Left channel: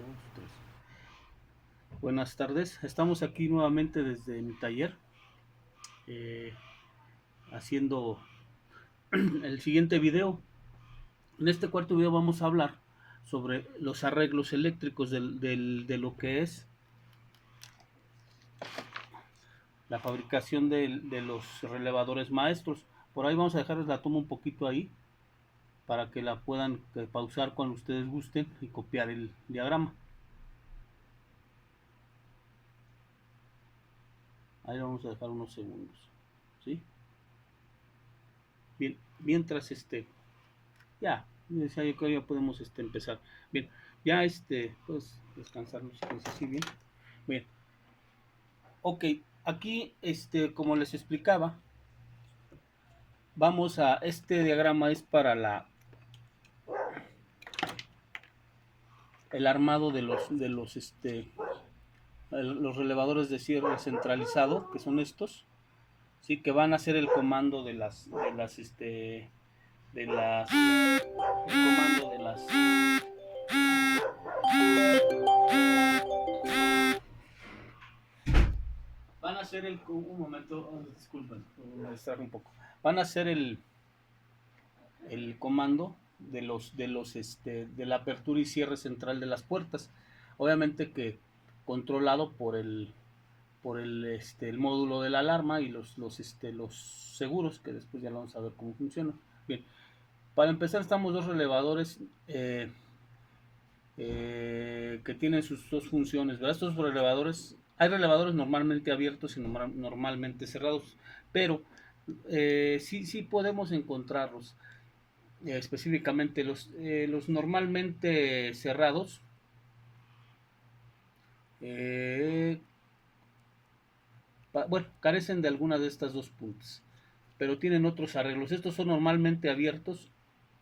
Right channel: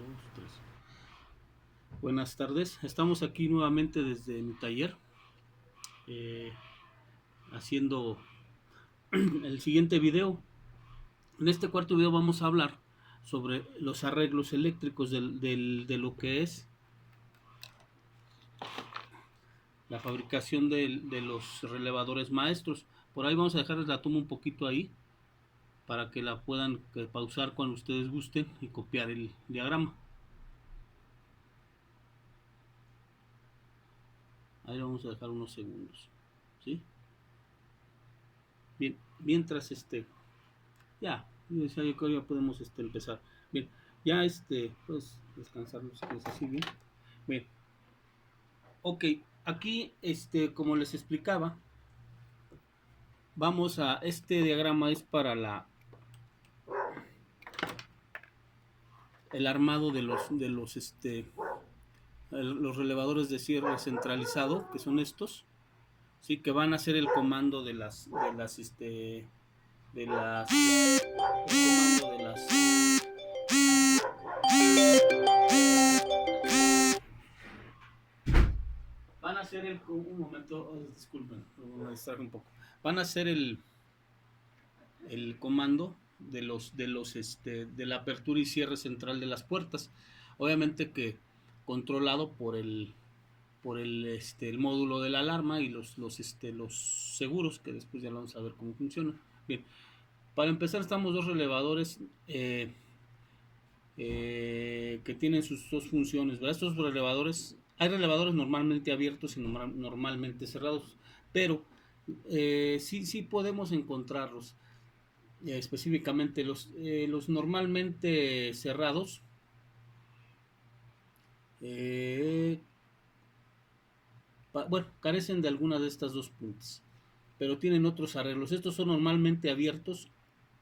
Dos, tres. Buenas tardes, estamos aquí nuevamente desde mi taller eh, haciendo el siguiente video. En este cuarto video vamos a hablar sobre los arreglos eléctricos de lo que es la fabricación de los relevadores maestros. Por ahí vamos a dejarles la toma un poquito ahí para que la puedan pausar cuando ustedes gusten y copiar el diagrama. Ahí lo vamos a dejar unos segundos, ¿sí? Bien, mientras ya, decía yo que ya podemos empezar. Bien, ya pues descansarnos si quieres así bien. Bien, ok, aquí como les explicaba, vamos a, este diagrama es para el armado los relevadores de cierre centralizado, que son estos, sí, que van a ser el comando de las el comando de las van a ser un momento, disculpen, me distraje un poco, van a ser el comando de la apertura y cierre central de las puertas, obviamente que controlado por el módulo de la alarma y los seguros, que después ya vamos a ver cómo funciona. Bien, para empezar estamos dos relevadores que tienen sus dos funciones, ¿verdad? Estos relevadores, hay relevadores normalmente abiertos y normalmente cerrados, pero sí podemos encontrarlos. Específicamente los normalmente cerrados eh, bueno, carecen de alguna de estas dos puntas, pero tienen otros arreglos. Estos son normalmente abiertos,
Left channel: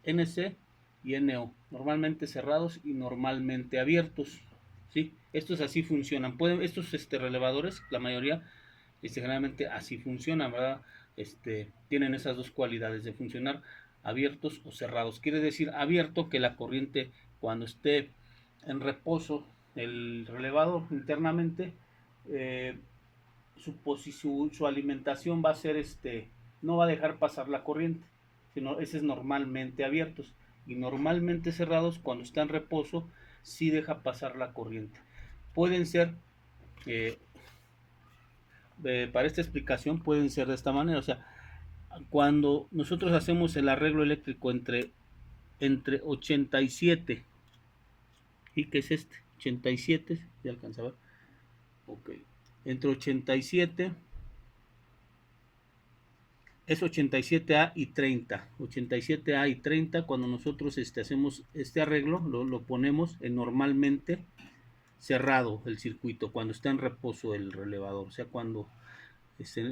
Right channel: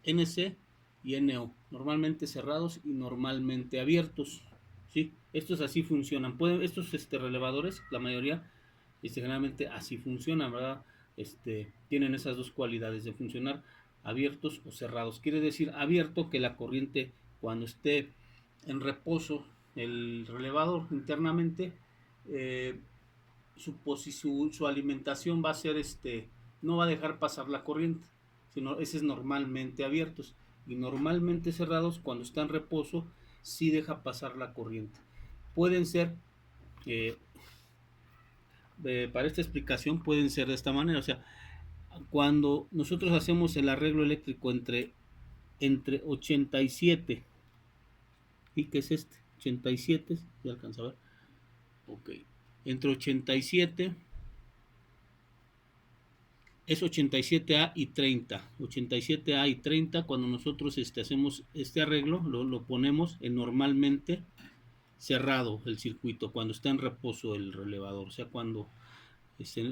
NC y NO, normalmente cerrados y normalmente abiertos, ¿sí? Estos así funcionan. Estos relevadores, la mayoría, generalmente así funcionan, ¿verdad? Tienen esas dos cualidades de funcionar abiertos o cerrados. Quiere decir abierto que la corriente, cuando esté en reposo el relevador internamente, eh, su alimentación va a ser no va a dejar pasar la corriente, sino ese es normalmente abiertos, y normalmente cerrados, cuando está en reposo, sí deja pasar la corriente. Pueden ser eh, para esta explicación pueden ser de esta manera, o sea, cuando nosotros hacemos el arreglo eléctrico entre 87 y que es 87, ya alcanza a ver, ok, entre 87 es 87A y 30. 87A y 30, cuando nosotros hacemos este arreglo, lo ponemos en normalmente cerrado el circuito, cuando está en reposo el relevador, o sea, cuando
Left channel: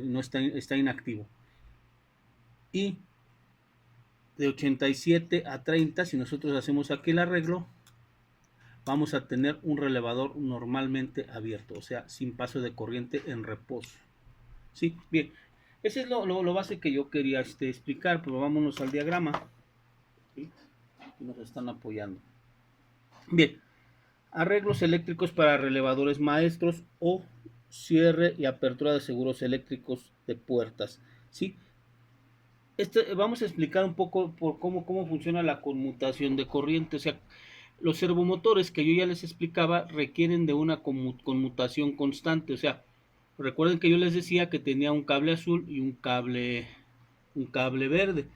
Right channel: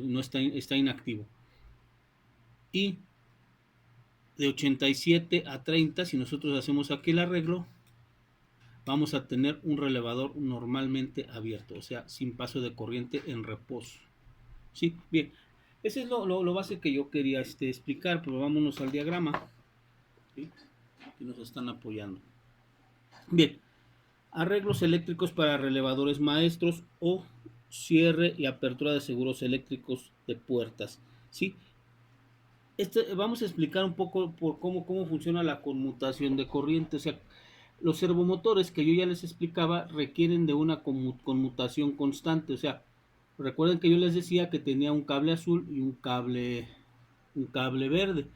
no está inactivo. Y de 87 a 30, si nosotros hacemos aquí el arreglo, vamos a tener un relevador normalmente abierto, o sea, sin paso de corriente en reposo. ¿Sí? Bien, ese es lo base que yo quería explicar, pero vámonos al diagrama, ¿sí? Que nos están apoyando. Bien, arreglos eléctricos para relevadores maestros o cierre y apertura de seguros eléctricos de puertas, ¿sí? Vamos a explicar un poco por cómo funciona la conmutación de corriente. O sea, los servomotores que yo ya les explicaba requieren de una conmutación constante. O sea, recuerden que yo les decía que tenía un cable azul y un cable verde,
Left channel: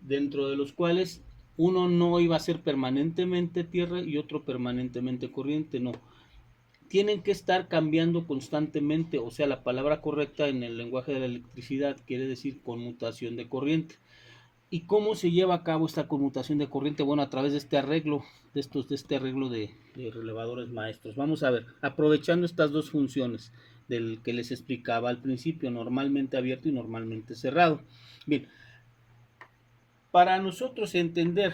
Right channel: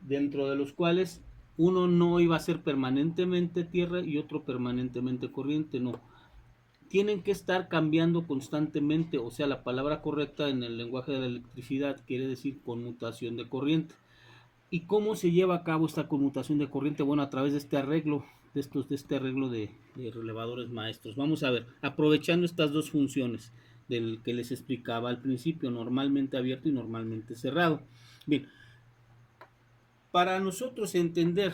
dentro de los cuales uno no iba a ser permanentemente tierra y otro permanentemente corriente, no. Tienen que estar cambiando constantemente, o sea, la palabra correcta en el lenguaje de la electricidad quiere decir conmutación de corriente. ¿Y cómo se lleva a cabo esta conmutación de corriente? Bueno, a través de este arreglo, de este arreglo de relevadores maestros. Vamos a ver, aprovechando estas dos funciones del que les explicaba al principio, normalmente abierto y normalmente cerrado. Bien, para nosotros entender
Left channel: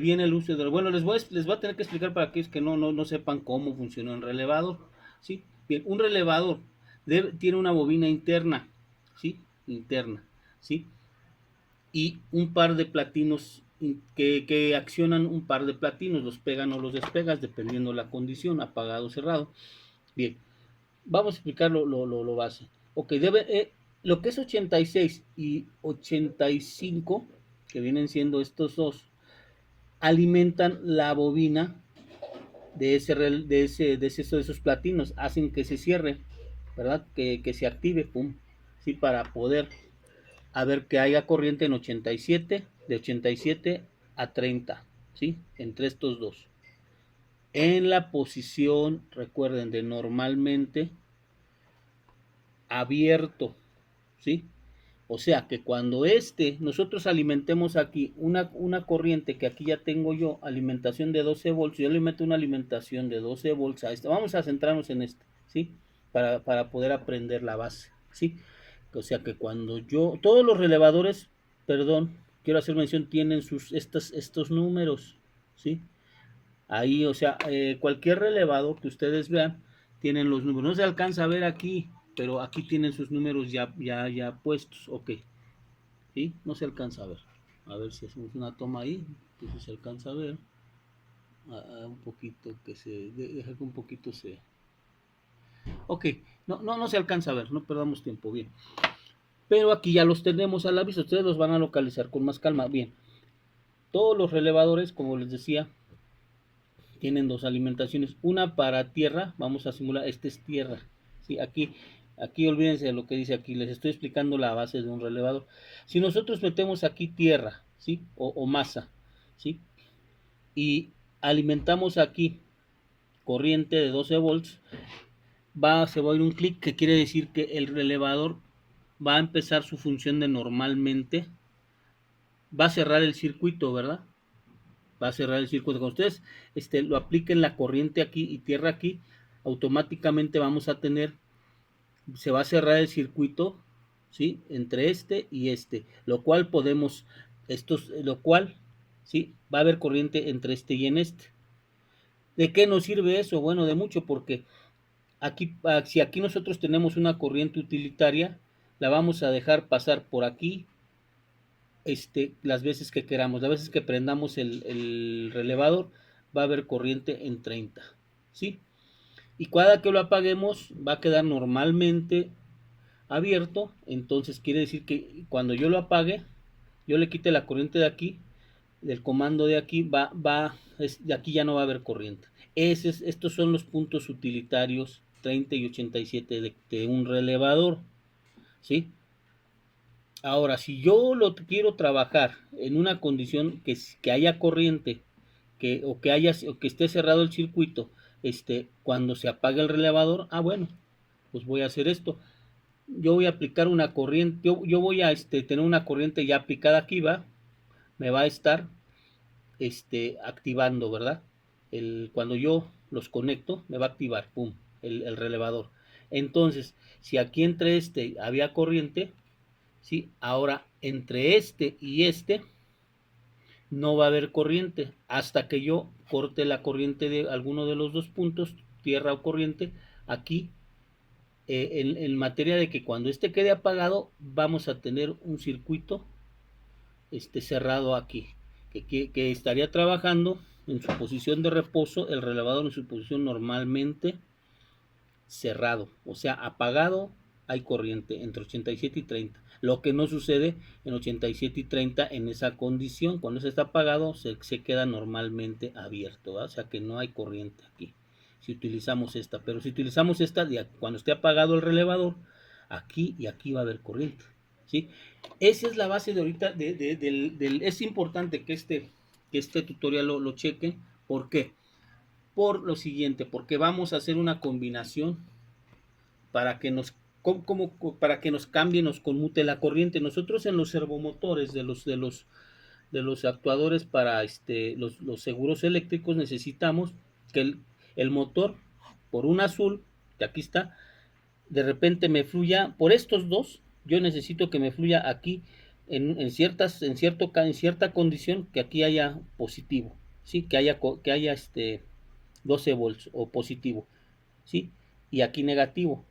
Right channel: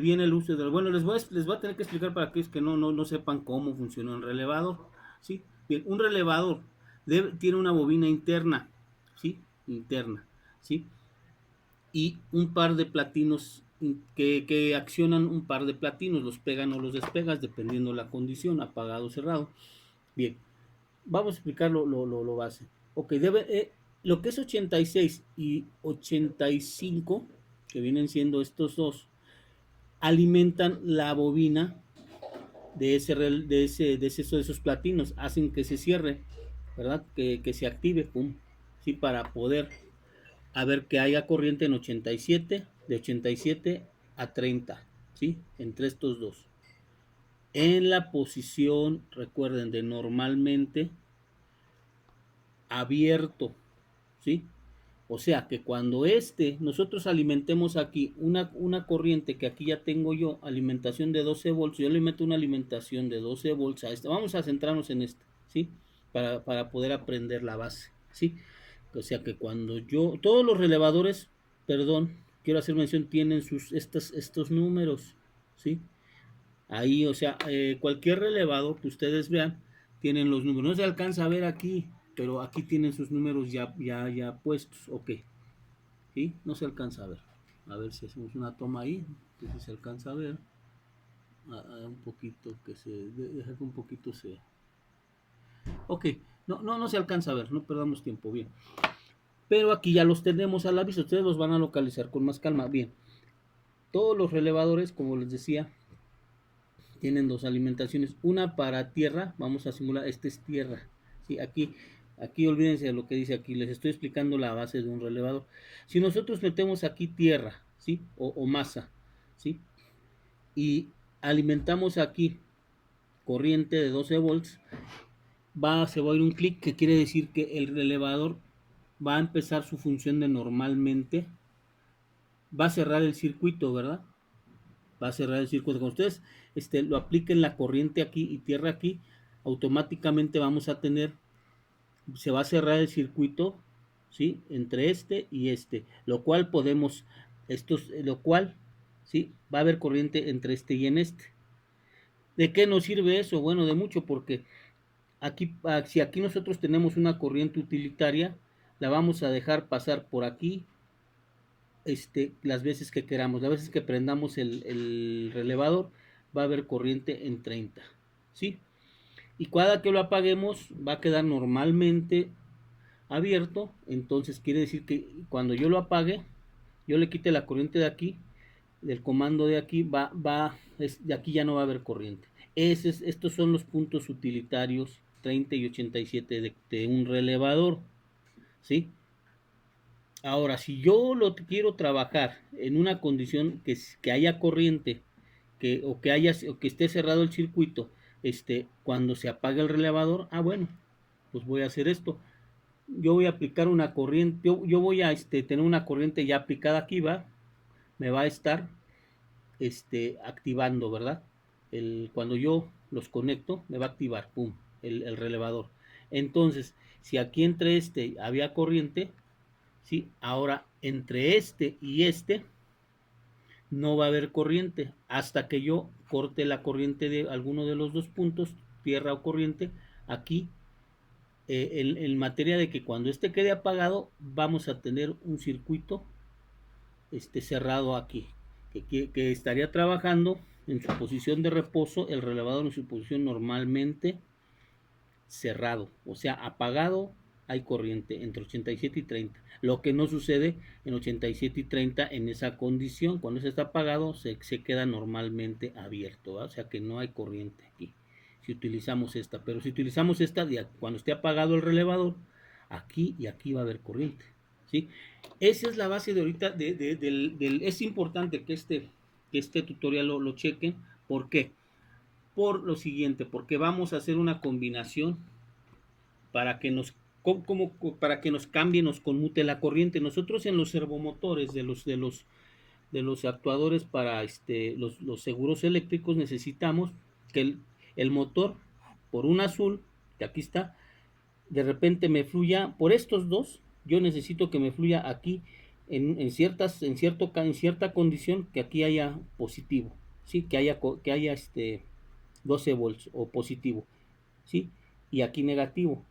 bien el uso del... Bueno, les voy a tener que explicar para aquellos que no sepan cómo funciona un relevador, ¿sí? Bien, un relevador tiene una bobina interna, ¿sí? Interna, ¿sí? Y un par de platinos que accionan un par de platinos, los pegan o los despegas dependiendo la condición, apagado o cerrado. Bien, vamos a explicar lo base. Ok, lo que es 86 y 85, que vienen siendo estos dos, alimentan la bobina de esos platinos, hacen que se cierre, ¿verdad? Que se active, pum, ¿sí? Para poder a ver que haya corriente en 87, de 87 a 30, ¿sí? Entre estos dos. En la posición, recuerden, de normalmente abierto, ¿sí? O sea que cuando nosotros alimentemos aquí una corriente que aquí ya tengo yo, alimentación de 12 volts, yo le meto una alimentación de 12 volts a esta. Vamos a centrarnos en este, ¿sí? Para poder aprender la base, ¿sí? O sea que cuando todos los relevadores, perdón, quiero hacer mención, tienen estos números, ¿sí? Ahí, o sea, cualquier relevado que ustedes vean, tienen los números. No se alcanza a ver aquí, pero aquí tienen sus números ya puestos, ok. ¿Sí? No se alcanza a ver. A ver si hacemos una toma ahí, entonces se alcanza a ver. Un poquito que deja que un poquito se... Ok, no se alcanza a ver, no perdamos tiempo, bien. Pero aquí ya los tenemos a la vista, ustedes los van a localizar con más calma, bien. Todos los relevadores, como les decía, tienen dos alimentaciones, una para tierra, vamos a simular, este es tierra, ¿sí? Aquí olvídense de lo que dice aquí, les estoy explicando la base de un relevador. Si nosotros metemos aquí tierra, ¿sí? O masa, ¿sí? Y alimentamos aquí corriente de 12 volts, se va a ir un clic que quiere decir que el relevador va a empezar su función de normalmente, va a cerrar el circuito, ¿verdad? Va a cerrar el circuito. Cuando ustedes lo apliquen la corriente aquí y tierra aquí, automáticamente vamos a tener, se va a cerrar el circuito, ¿sí? Entre este y este, lo cual ¿sí? Va a haber corriente entre este y en este. ¿De qué nos sirve eso? Bueno, de mucho, porque si aquí nosotros tenemos una corriente utilitaria, la vamos a dejar pasar por aquí, las veces que queramos, las veces que prendamos el relevador, va a haber corriente en 30, ¿sí? Y cada que lo apaguemos va a quedar normalmente abierto, entonces quiere decir que cuando yo lo apague, yo le quite la corriente de aquí, del comando de aquí, de aquí ya no va a haber corriente. Estos son los puntos utilitarios 30 y 87 de un relevador, ¿sí? Ahora, si yo lo quiero trabajar en una condición que haya corriente, o que esté cerrado el circuito, cuando se apague el relevador, bueno, pues voy a hacer esto. Yo voy a aplicar una corriente, yo voy a tener una corriente ya aplicada aquí, me va a estar activando, ¿verdad? Cuando yo los conecto, me va a activar, pum, el relevador. Entonces, si aquí entre había corriente, ¿sí? Ahora, entre y no va a haber corriente hasta que yo corte la corriente de alguno de los dos puntos, tierra o corriente, aquí, en materia de que cuando quede apagado, vamos a tener un circuito cerrado aquí, que estaría trabajando en su posición de reposo, el relevador en su posición normalmente cerrado, o sea, apagado, hay corriente entre 87 y 30. Lo que no sucede en 87 y 30 en esa condición. Cuando se está apagado, se queda normalmente abierto, ¿verdad? O sea que no hay corriente aquí. Si utilizamos esta, pero si utilizamos esta, cuando esté apagado el relevador, aquí y aquí va a haber corriente, ¿sí? Esa es la base de ahorita. Es importante que este tutorial lo chequen. ¿Por qué? Por lo siguiente, porque vamos a hacer una combinación para que para que nos cambie, nos conmute la corriente. Nosotros en los servomotores de los actuadores para los seguros eléctricos necesitamos que el motor, por un azul, que aquí está, de repente me fluya por estos dos. Yo necesito que me fluya aquí en cierta condición, que aquí haya positivo, ¿sí? Que haya 12 volts o positivo, ¿sí? Y aquí negativo.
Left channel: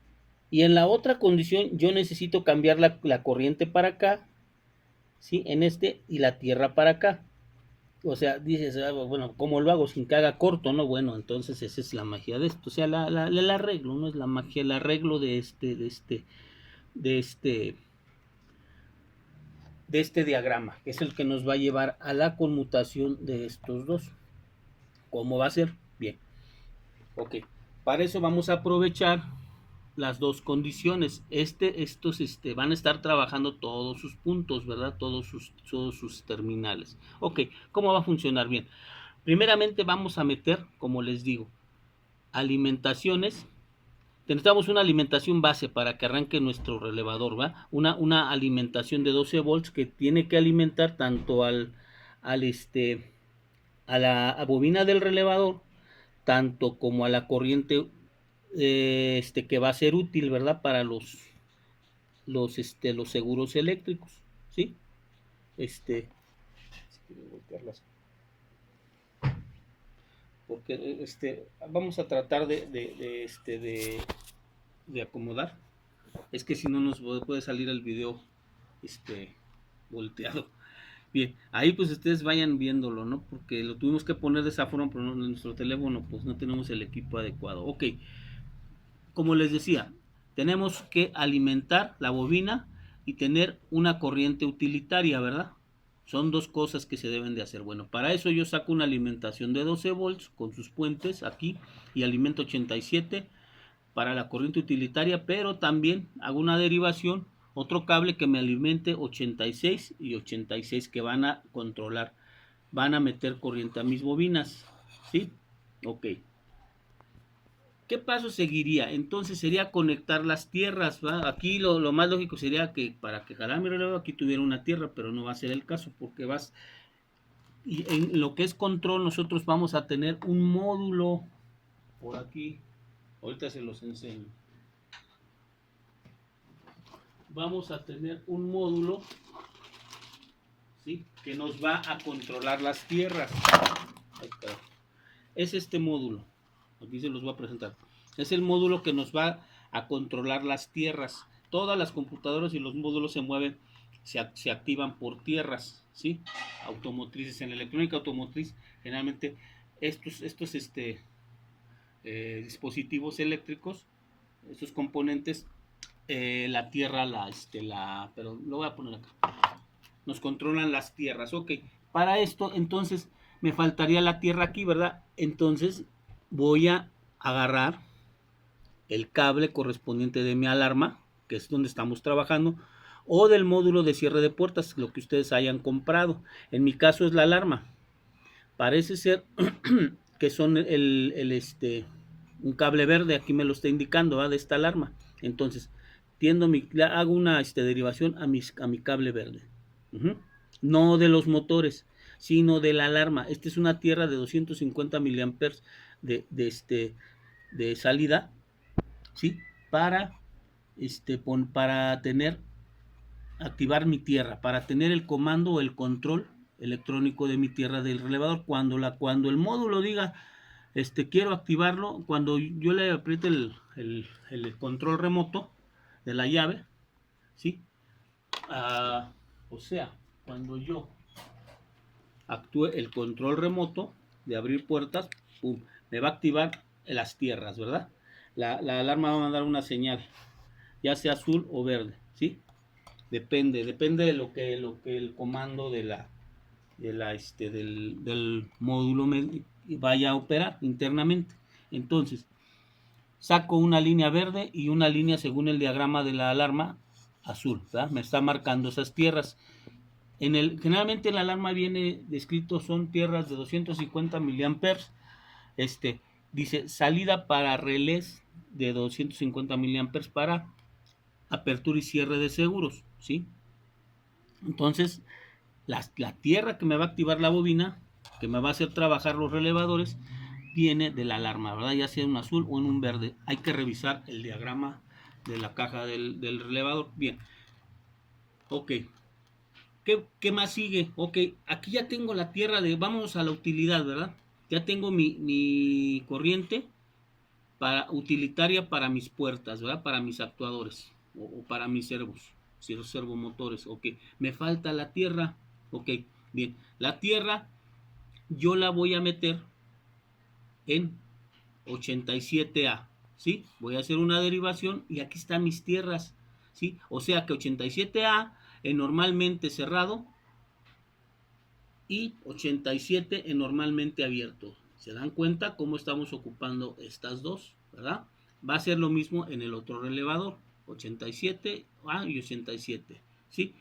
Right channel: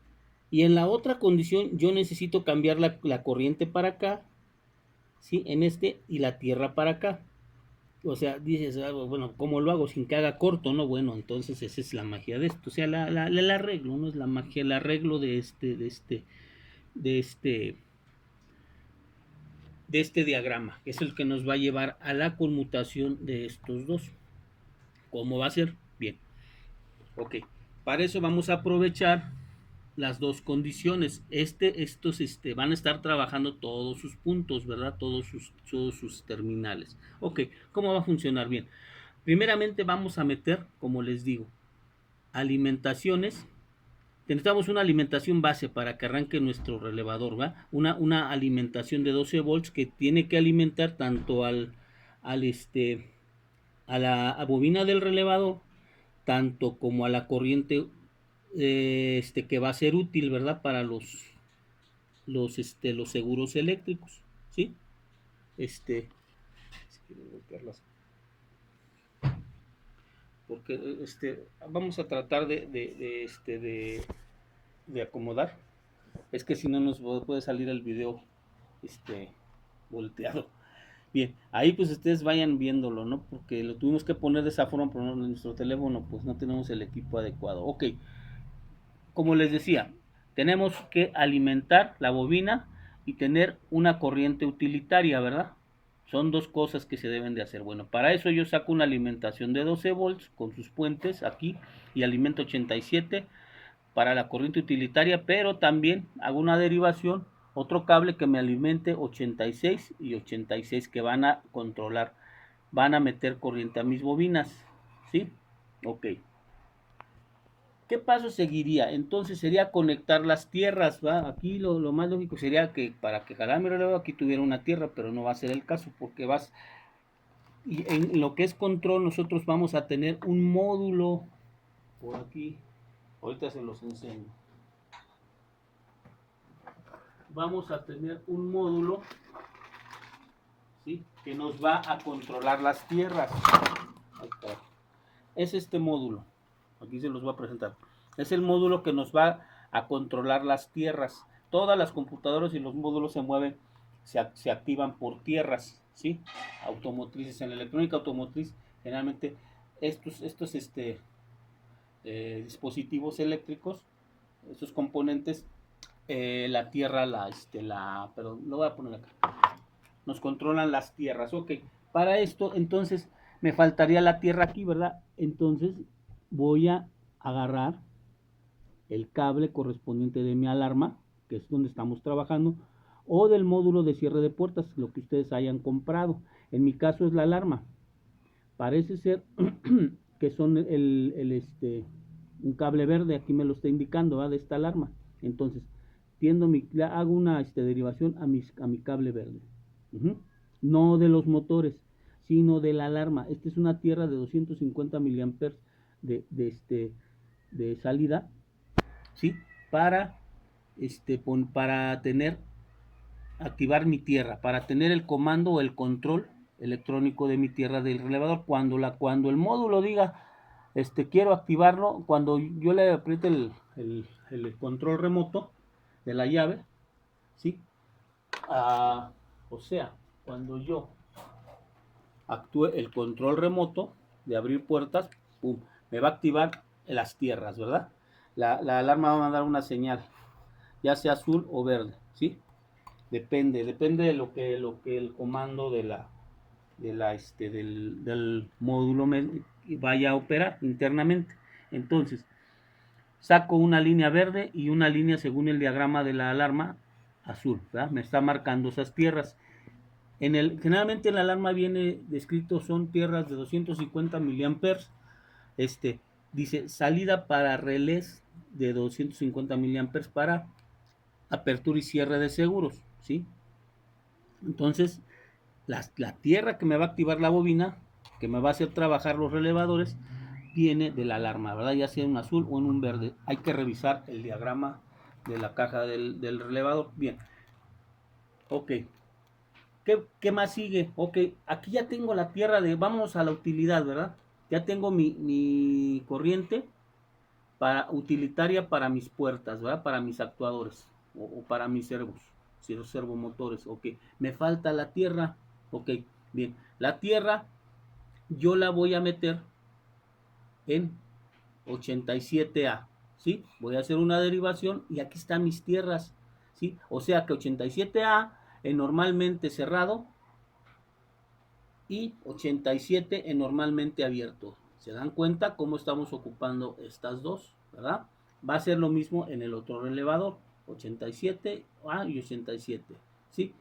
Y en la otra condición yo necesito cambiar la corriente para acá, ¿sí? Y la tierra para acá. o sea, dices, bueno, ¿cómo lo hago sin que haga corto, no? Bueno, entonces esa es la magia de esto, o sea, el arreglo, ¿no? Es la magia, el arreglo de este, de este diagrama, que es el que nos va a llevar a la conmutación de estos dos. ¿Cómo va a ser? Bien, ok. Para eso vamos a aprovechar las dos condiciones. Estos van a estar trabajando todos sus puntos, ¿verdad? Todos sus terminales. Ok, ¿cómo va a funcionar? Bien, primeramente vamos a meter, como les digo, alimentaciones. Necesitamos una alimentación base para que arranque nuestro relevador, ¿va? Una alimentación de 12 volts que tiene que alimentar tanto a la bobina del relevador, tanto como a la corriente que va a ser útil, ¿verdad? Para los seguros eléctricos, ¿sí? Este, porque vamos a tratar de acomodar. Es que si no nos puede salir el video volteado. Bien, ahí pues ustedes vayan viéndolo, ¿no? Porque lo tuvimos que poner de esa forma, pero en nuestro teléfono pues no tenemos el equipo adecuado. Ok, como les decía, tenemos que alimentar la bobina y tener una corriente utilitaria, ¿verdad? Son dos cosas que se deben de hacer. Bueno, para eso yo saco una alimentación de 12 volts con sus puentes aquí y alimento 87 para la corriente utilitaria, pero también hago una derivación, otro cable que me alimente 86 y 86 que van a controlar, van a meter corriente a mis bobinas, ¿sí? Ok. ¿Qué paso seguiría? Entonces sería conectar las tierras, ¿va? Aquí lo más lógico sería que para que jalara mi reloj aquí tuviera una tierra, pero no va a ser el caso porque y en lo que es control nosotros vamos a tener un módulo por aquí, ahorita se los enseño. Vamos a tener un módulo, ¿sí? Que nos va a controlar las tierras. Ahí está. Es este módulo, aquí se los voy a presentar. Es el módulo que nos va a controlar las tierras. Todas las computadoras y los módulos se mueven, se activan por tierras, ¿sí? Automotrices. En la electrónica automotriz, generalmente estos dispositivos eléctricos, estos componentes, la tierra, pero lo voy a poner acá. Nos controlan las tierras, ok. Para esto, entonces, me faltaría la tierra aquí, ¿verdad? Entonces, voy a agarrar el cable correspondiente de mi alarma, que es donde estamos trabajando, o del módulo de cierre de puertas, lo que ustedes hayan comprado. En mi caso es la alarma. Parece ser que son un cable verde, aquí me lo está indicando, ¿va? De esta alarma. Entonces, hago una derivación a mi cable verde. No de los motores, sino de la alarma. Esta es una tierra de 250 miliamperes de salida, ¿sí? Para activar mi tierra, para tener el comando o el control electrónico de mi tierra del relevador. Cuando el módulo diga quiero activarlo, cuando yo le apriete el control remoto de la llave, ¿sí? O sea, cuando yo actúe el control remoto de abrir puertas, ¡pum!, me va a activar las tierras, ¿verdad? La alarma va a mandar una señal, ya sea azul o verde, ¿sí? Depende de lo que el comando del módulo vaya a operar internamente. Entonces, saco una línea verde y una línea según el diagrama de la alarma azul, ¿verdad? Me está marcando esas tierras. Generalmente la alarma viene descrito, son tierras de 250 miliamperes. Dice salida para relés de 250 miliamperes para apertura y cierre de seguros, ¿sí? Entonces, la tierra que me va a activar la bobina, que me va a hacer trabajar los relevadores, viene de la alarma, ¿verdad? Ya sea en un azul o en un verde. Hay que revisar el diagrama de la caja del relevador. Bien. Ok. ¿Qué más sigue? Ok, aquí ya tengo la tierra vamos a la utilidad, ¿verdad? Ya tengo mi corriente utilitaria para mis puertas, ¿verdad? Para mis actuadores o para mis servomotores. Ok, me falta la tierra. Ok, bien. La tierra yo la voy a meter en 87A, ¿sí? Voy a hacer una derivación y aquí están mis tierras, ¿sí? O sea que 87A en normalmente cerrado y 87 en normalmente abierto. ¿Se dan cuenta cómo estamos ocupando estas dos, verdad? Va a ser lo mismo en el otro relevador, 87A y 87, ¿sí?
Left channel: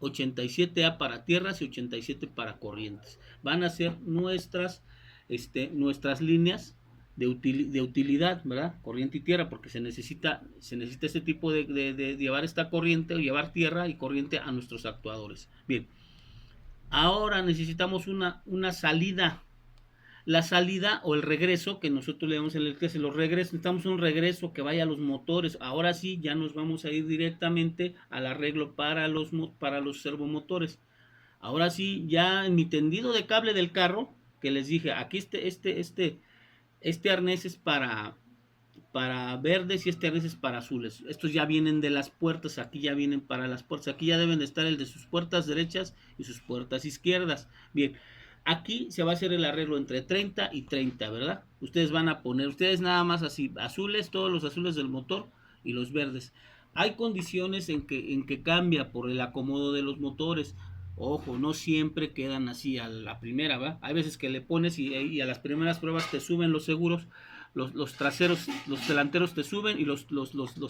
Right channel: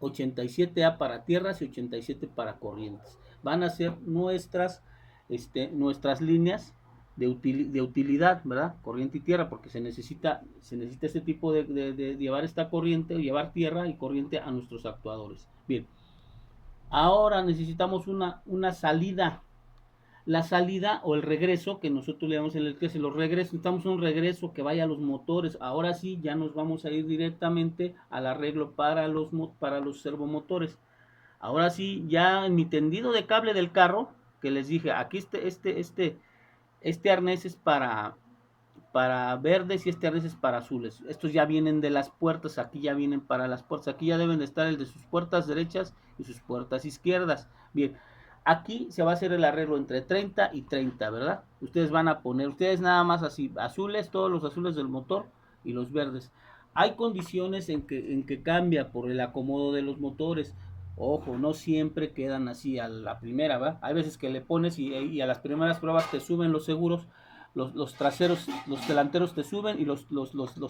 87A para tierras y 87 para corrientes. Van a ser nuestras líneas de utilidad, ¿verdad? Corriente y tierra, porque se necesita este tipo de llevar esta corriente, llevar tierra y corriente a nuestros actuadores. Bien, ahora necesitamos una salida. La salida o el regreso, que nosotros le damos en el que los regresos, necesitamos un regreso que vaya a los motores. Ahora sí, ya nos vamos a ir directamente al arreglo para los servomotores. Ahora sí, ya en mi tendido de cable del carro, que les dije, aquí este arnés es para verdes y este arnés es para azules. Estos ya vienen de las puertas, aquí ya vienen para las puertas. Aquí ya deben de estar el de sus puertas derechas y sus puertas izquierdas. Bien, aquí se va a hacer el arreglo entre 30 y 30, ¿verdad? Ustedes van a poner, ustedes nada más así, azules, todos los azules del motor y los verdes. Hay condiciones en que cambia por el acomodo de los motores. Ojo, no siempre quedan así a la primera, ¿va? Hay veces que le pones y a las primeras pruebas te suben los seguros, los traseros, los delanteros te suben y los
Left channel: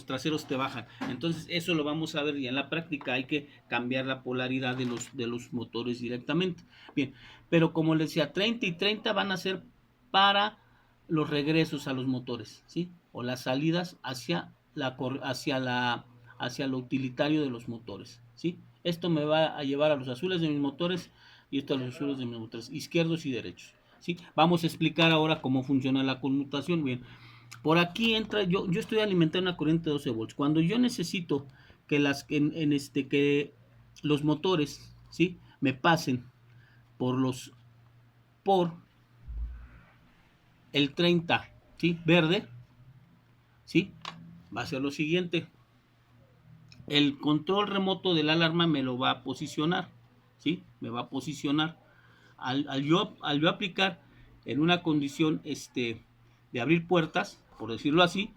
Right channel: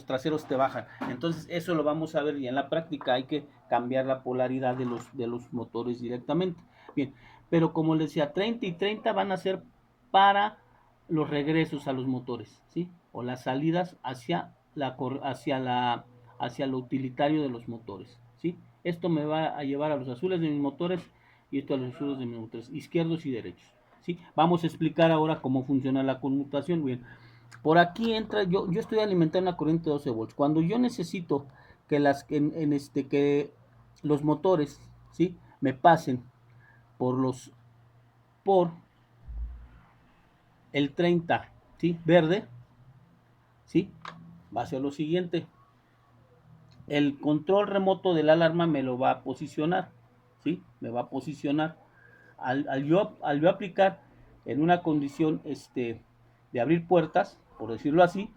traseros te bajan. Entonces eso lo vamos a ver y en la práctica hay que cambiar la polaridad de los motores directamente. Bien, pero como les decía, 30 y 30 van a ser para los regresos a los motores, ¿sí? O las salidas hacia lo utilitario de los motores, ¿sí? Esto me va a llevar a los azules de mis motores y esto a los azules de mis motores, izquierdos y derechos, ¿sí? Vamos a explicar ahora cómo funciona la conmutación. Bien, por aquí entra, yo estoy alimentando una corriente de 12 volts. Cuando yo necesito que que los motores, ¿sí? Me pasen por el 30, ¿sí? Verde, ¿sí? Va a ser lo siguiente. El control remoto de la alarma me lo va a posicionar, ¿sí? Me va a posicionar. Al yo aplicar en una condición de abrir puertas, por decirlo así,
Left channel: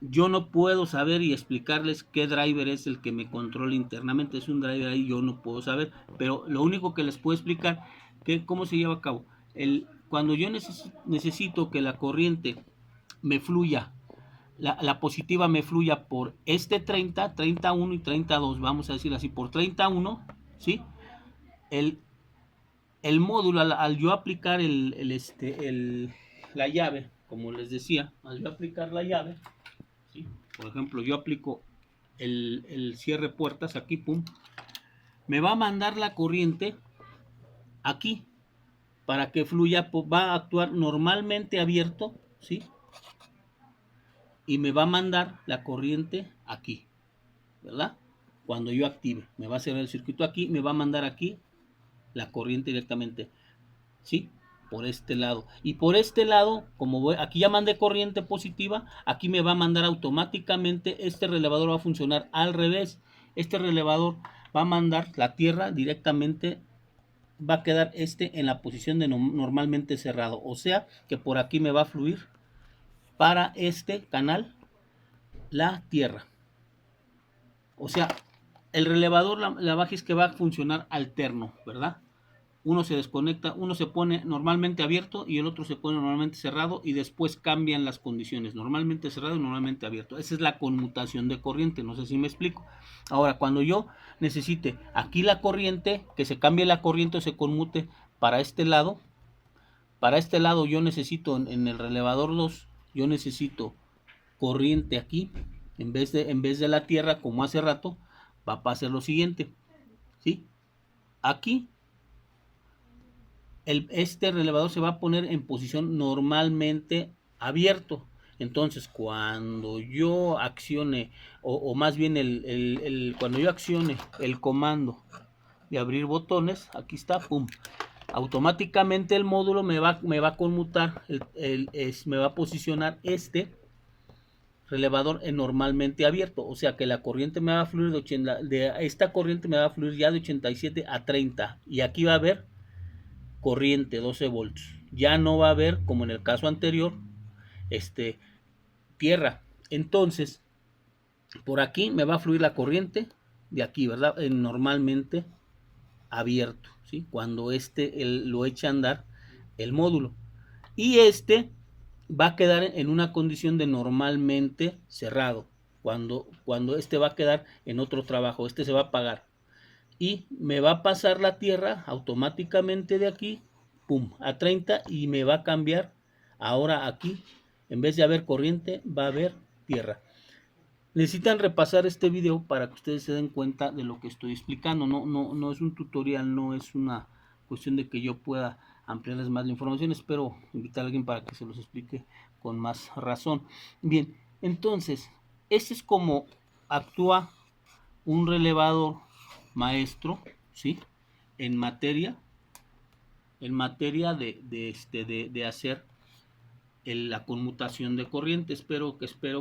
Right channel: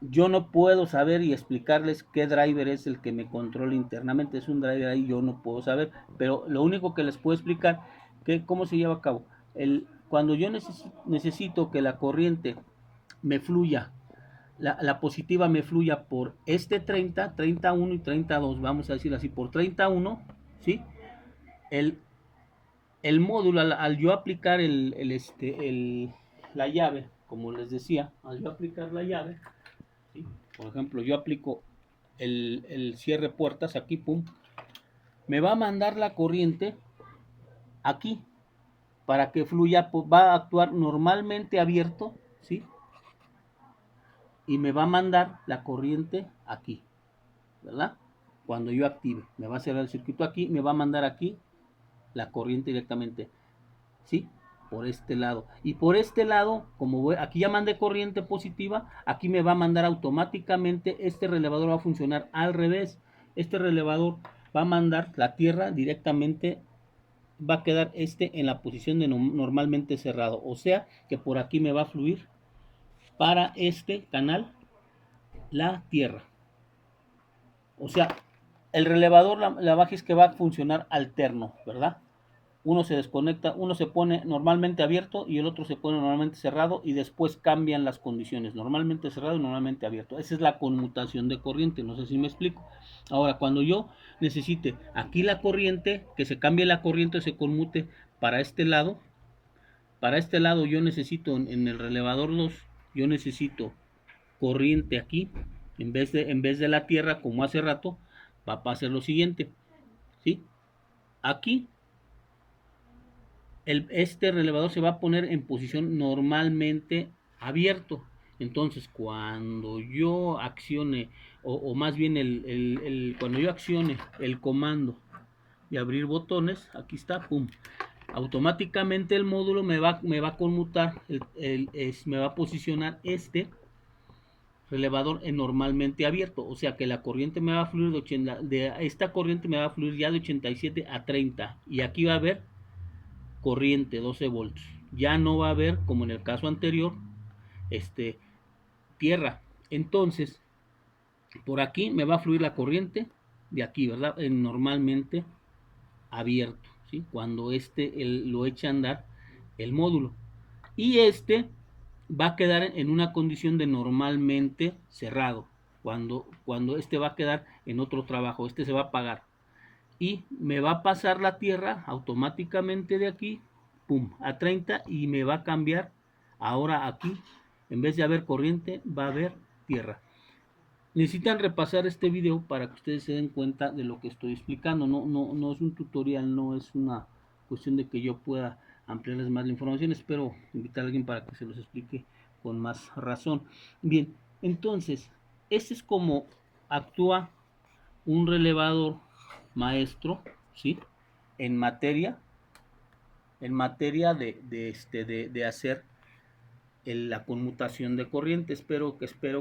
yo no puedo saber y explicarles qué driver es el que me controla internamente. Es un driver ahí, yo no puedo saber, pero lo único que les puedo explicar que cómo se lleva a cabo. Cuando yo necesito que la corriente me fluya, la positiva me fluya por este 30, 31 y 32, vamos a decir así, por 31, ¿sí? El módulo, al yo aplicar la llave, como les decía, al yo aplicar la llave, ¿sí? Por ejemplo, yo aplico el cierre puertas aquí, pum, me va a mandar la corriente aquí para que fluya, va a actuar normalmente abierto, ¿sí? Y me va a mandar la corriente aquí, ¿verdad? Cuando yo active, me va a cerrar el circuito aquí, me va a mandar aquí la corriente directamente, ¿sí? Por este lado. Y por este lado, como aquí ya mandé corriente positiva, aquí me va a mandar automáticamente, este relevador va a funcionar al revés. Este relevador va a mandar la tierra directamente, va a quedar en la posición de normalmente cerrado. O sea que por aquí me va a fluir para este canal la tierra. O sea, el relevador, la baja es que va a funcionar alterno, ¿verdad? Uno se desconecta, uno se pone normalmente abierto y el otro se pone normalmente cerrado y después cambian las condiciones, normalmente cerrado y normalmente abierto. Esa es la conmutación de corriente, no sé si me explico. Ahora, cuando yo necesite aquí la corriente, que se cambie la corriente o se conmute para este lado yo necesito en el relevador 2, yo necesito corriente aquí, en vez de la tierra como hace rato, va a pasar lo siguiente, ¿sí? Aquí este relevador se va a poner en posición normalmente abierto. Entonces, cuando yo accione, o más bien cuando yo accione el comando de abrir botones, aquí está, pum, automáticamente el módulo me va a conmutar, me va a posicionar este relevador en normalmente abierto, o sea que la corriente me va a fluir esta corriente me va a fluir ya de 87 a 30 y aquí va a haber corriente 12 voltios. Ya no va a haber, como en el caso anterior, tierra. Entonces, por aquí me va a fluir la corriente de aquí, ¿verdad? Normalmente abierto, ¿sí? Cuando lo eche a andar el módulo. Y va a quedar en una condición de normalmente cerrado. Cuando va a quedar en otro trabajo, se va a apagar. Y me va a pasar la tierra automáticamente de aquí, pum, a 30 y me va a cambiar. Ahora aquí, en vez de haber corriente, va a haber tierra. Necesitan repasar este video para que ustedes se den cuenta de lo que estoy explicando. No es un tutorial, no es una cuestión de que yo pueda ampliarles más la información. Espero invitar a alguien para que se los explique con más razón. Bien, entonces, este es como actúa un relevador maestro, ¿sí? En materia de hacer la conmutación de corriente. Espero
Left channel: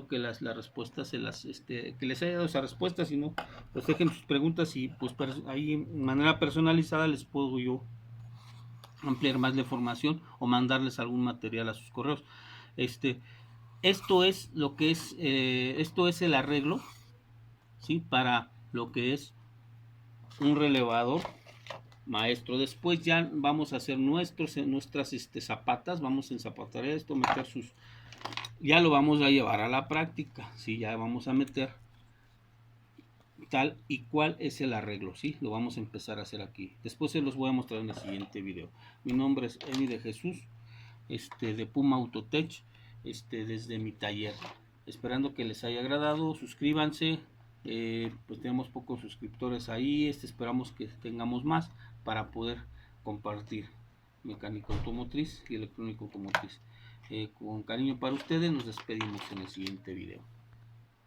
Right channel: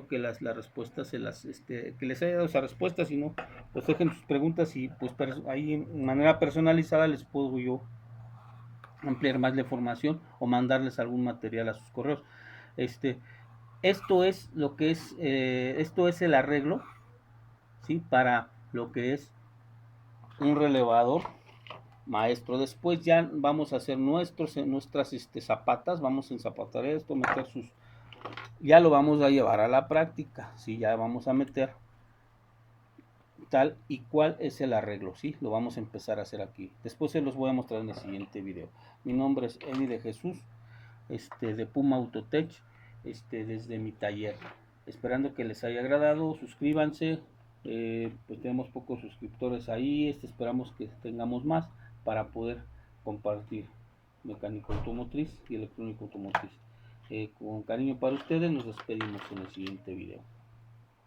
que las respuestas que les haya dado esa respuesta. Si no, pues dejen sus preguntas y pues ahí en manera personalizada les puedo yo ampliar más la información o mandarles algún material a sus correos. Esto es lo que es esto es el arreglo, ¿sí? Para lo que es un relevador maestro. Después ya vamos a hacer nuestras zapatas, vamos a enzapatar esto, meter ya lo vamos a llevar a la práctica, ¿sí? Ya vamos a meter tal y cual es el arreglo, ¿sí? Lo vamos a empezar a hacer aquí. Después se los voy a mostrar en el siguiente video. Mi nombre es Emi de Jesús, de Puma Autotech, desde mi taller. Esperando que les haya agradado, suscríbanse, pues tenemos pocos suscriptores ahí, esperamos que tengamos más para poder compartir mecánico automotriz y electrónico automotriz. Con cariño para ustedes, nos despedimos en el siguiente video.